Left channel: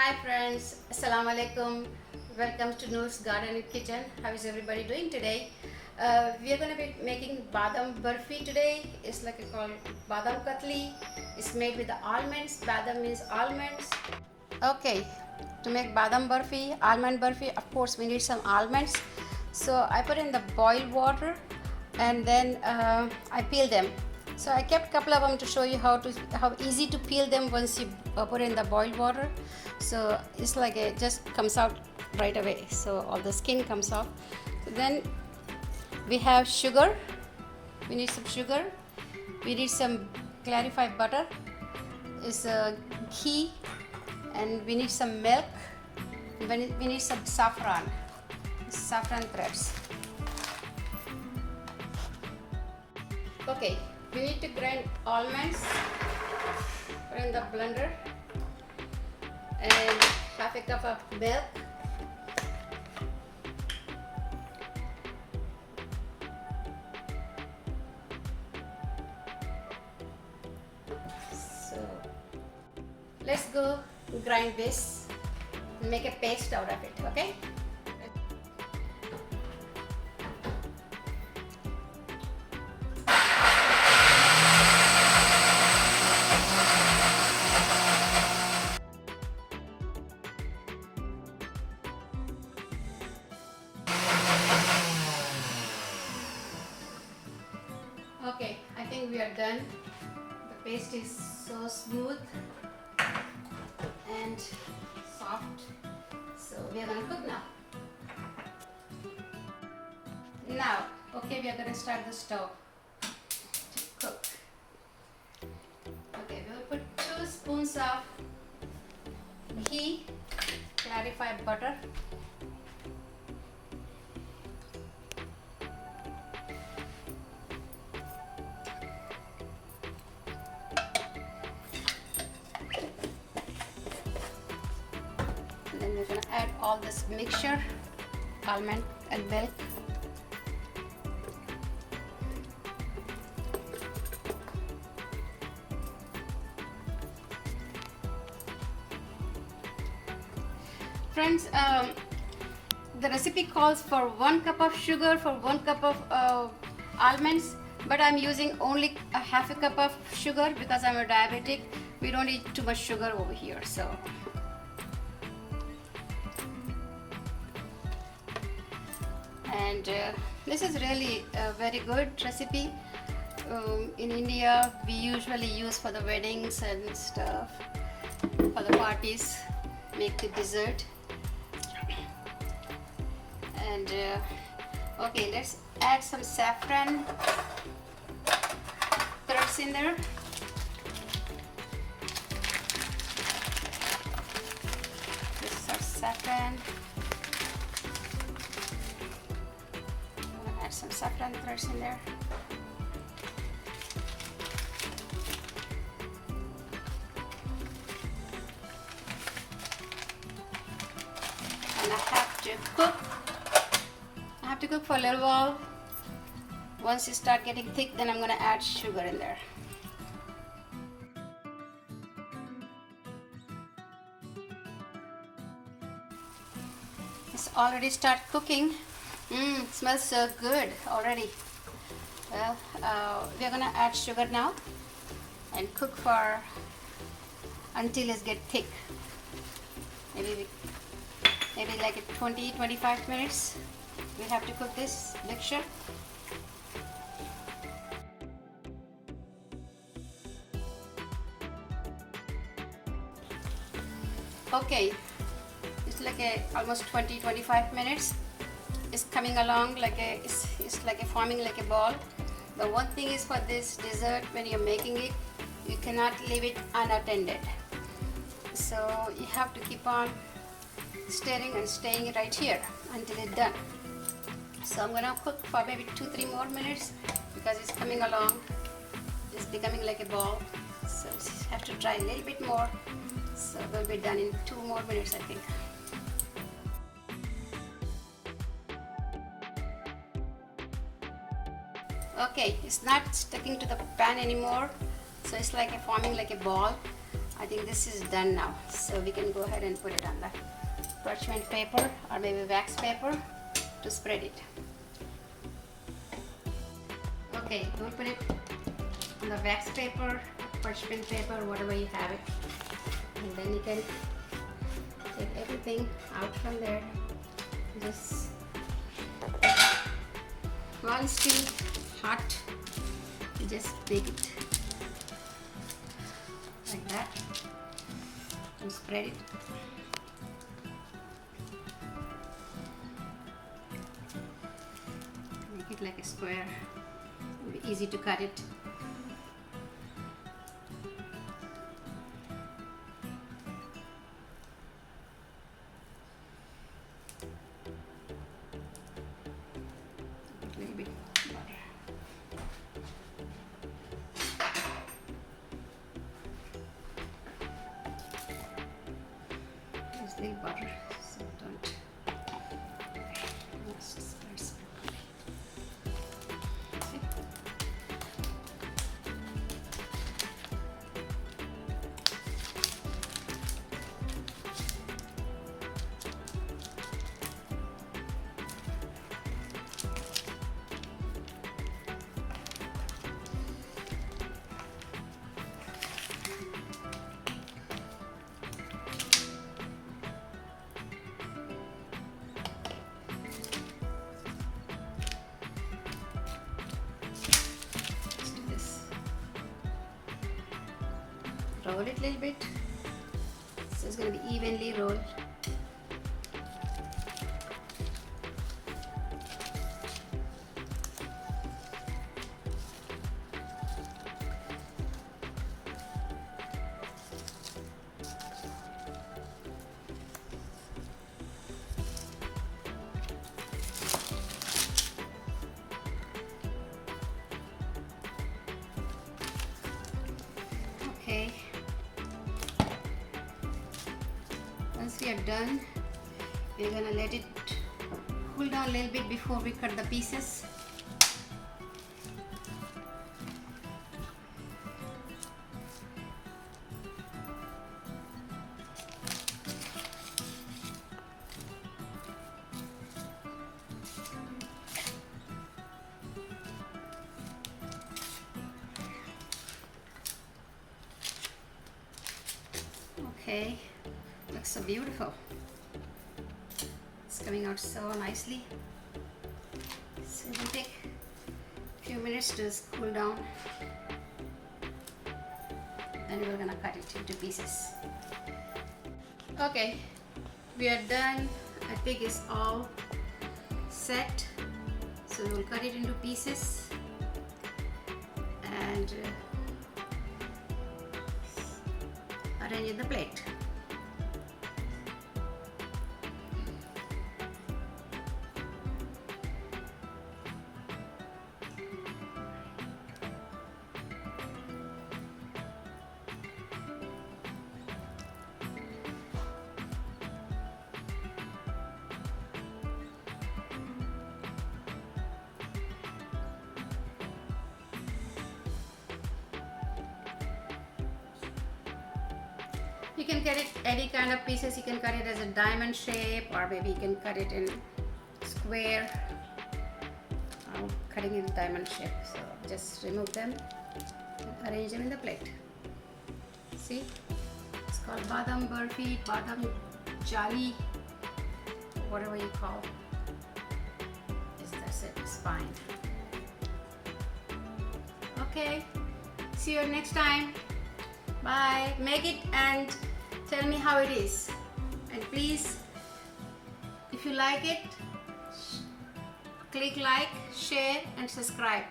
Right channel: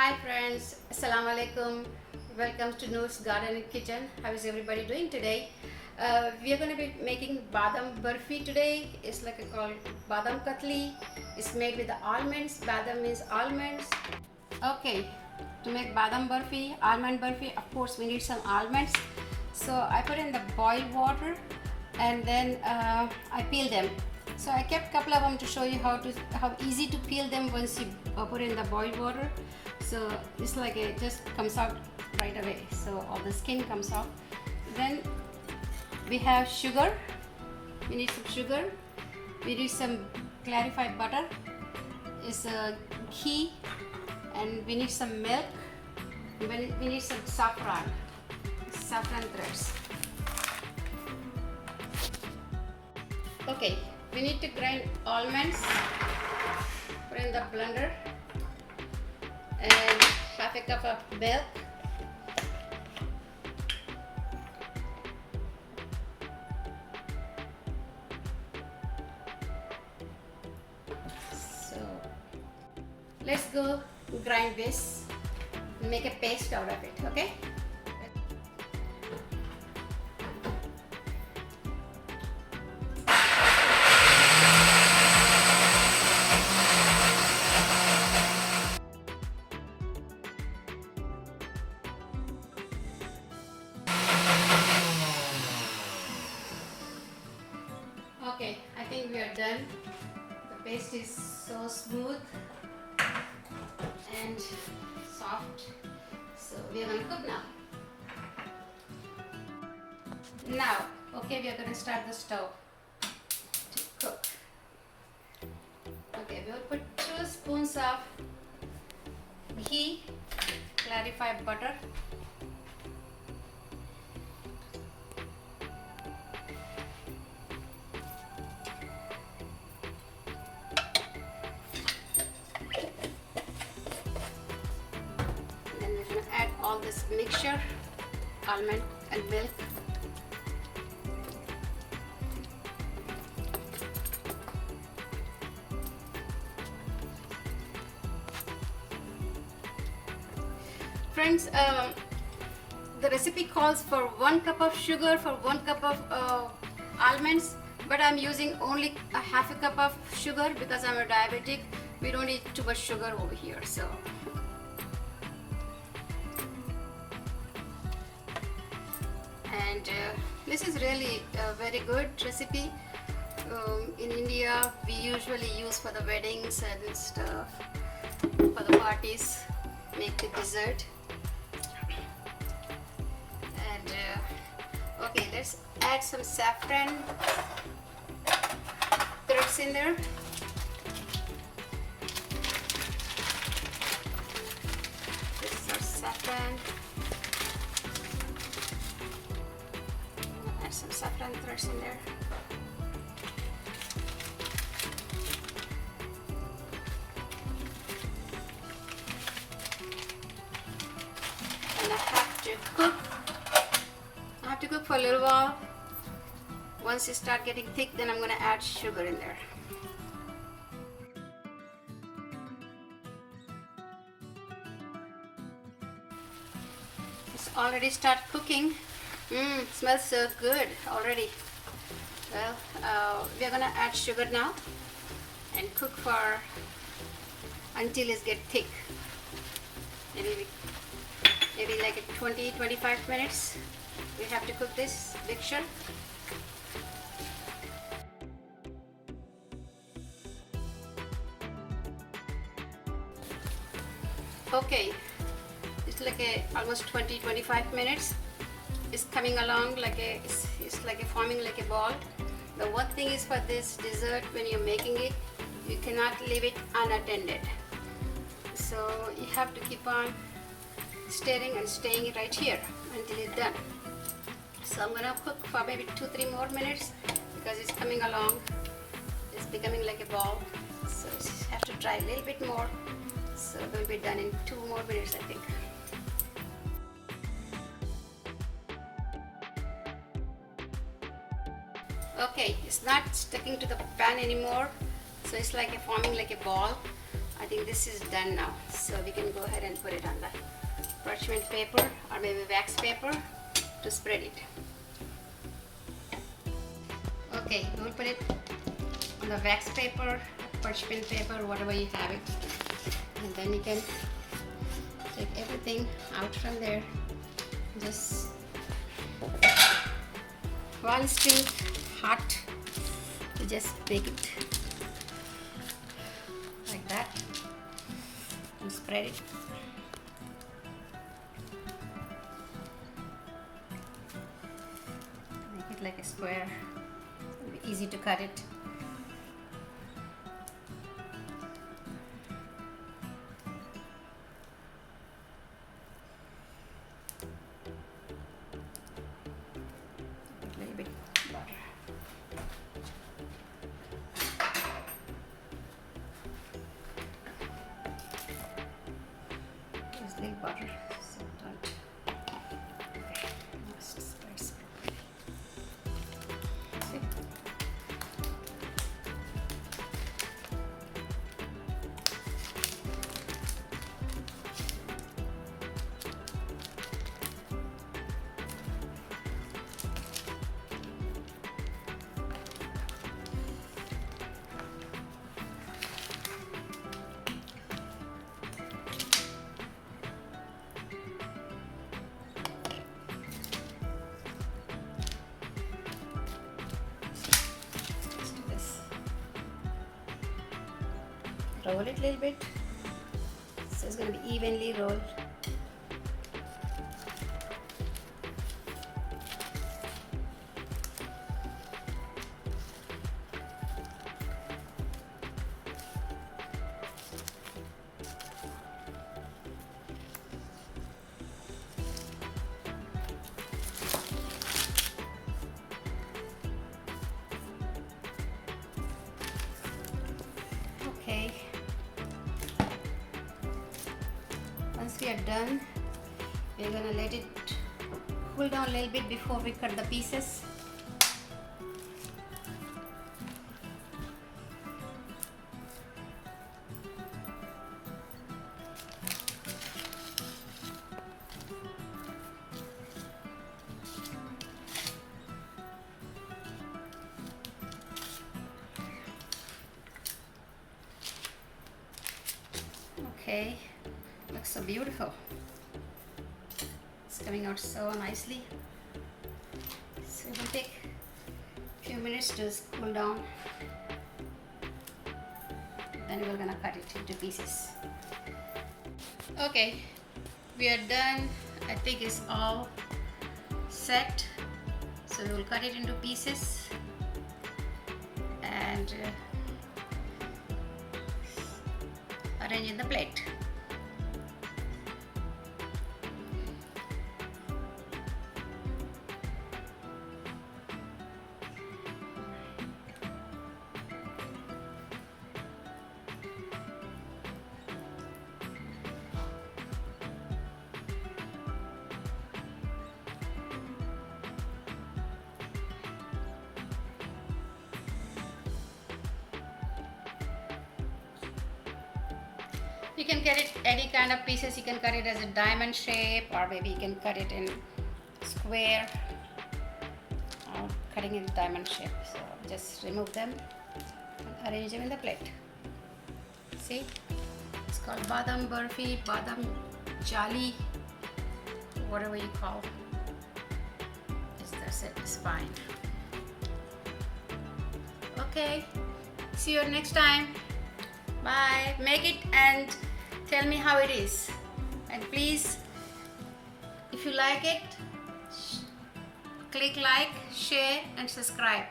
Hi friends, Assalamu alaikum. Welcome to Noor's Garden and Kitchen. How is everybody doing today? We are going to be making Badam Burfi today. It's like called Badam Katli. It's made with the almonds. Badam means almonds. Okay, to make Badam Burfi, almond burfi, of course we need some almonds. So I put in the boiled water and then I peel them. So I kept a couple of them to show you how easy to peel them once you put in the boiled water. So it's like it just comes out right away. So all the skin comes off. Then we have sugar. We need some sugar. We need some clarified butter. It's ghee, and we need some milk. We need some saffron threads. Okay, we need to grind almonds, put in the blender, and half a cup of milk, so let's go grind this and make a paste out of it. Okay. Okay, I think we are done. The paste is so smooth and soft. So we are going to cook now. Okay, we are going to start the stove to cook. Okay, we will put 2 spoons of ghee, clarified butter, and then we're going to add all this mixture, almond and milk. Friends, the recipe calls for 1 cup of sugar for 1 cup of almonds, but I'm using only a half a cup of sugar because I'm a diabetic. We don't eat too much sugar over here, so. And this is really a very good recipe. In India, we usually use for the weddings and stuff, for the parties, make the dessert. And okay, let's add some saffron threads in there. This is our saffron. Add some saffron threads in there. And I have to cook for a little while. Once it start getting thick, then I'm going to add sugar in there. It's already start cooking. It smells so good already. Well, we're going to add sugar now and cook for until it gets thick. Maybe like 20-25 minutes. We have to cook this mixture. Okay, it's like almost 20-25 minutes. It's coming along like it's like forming like a ball. The one thing is for this dessert, when you're making it, you cannot leave it unattended. So you have to keep on stirring and staying it right here until it's done. So I'm gonna cook for maybe 2-3 more minutes because it's coming along. It's becoming like a ball. So I have to try a little bit more. So we'll be done in 2 more minutes, I think. Okay, it's not sticking to the pan anymore. So it's like forming like a ball. I think this is done now, so we can go ahead and put it on the parchment paper or maybe wax paper to spread it. Okay, we'll put it on the wax paper, parchment paper, whatever you have it, and then you can take everything out from there. Just once still hot, you just bake it like that and spread it. Make it like a square. It'll be easy to cut it. A little bit butter. Just a little butter, so don't disperse. Roll it a little bit, so it's going to be evenly rolled. Okay. Once we are done, we're gonna let it cool down a little bit before we cut the pieces. Okay, looks so beautiful. It's coming out so nicely. So it will take a few minutes to cool down. Then we're gonna cut it into pieces. Okay, we are done. I think it's all set. So we'll cut it into pieces and arrange in the plate. You can cut it any kind of pieces. You can cut it as a diamond shape, or maybe you can cut it in square. I'm cutting in diamond shape, so just remove them and arrange them in the plate. See, it's called Badam Burfi, Badam Jali, whatever you call. That's it. It's fine. Okay, see you next time. Bye. Make it and tell me how it is. And please, if you like it, click like, share and subscribe.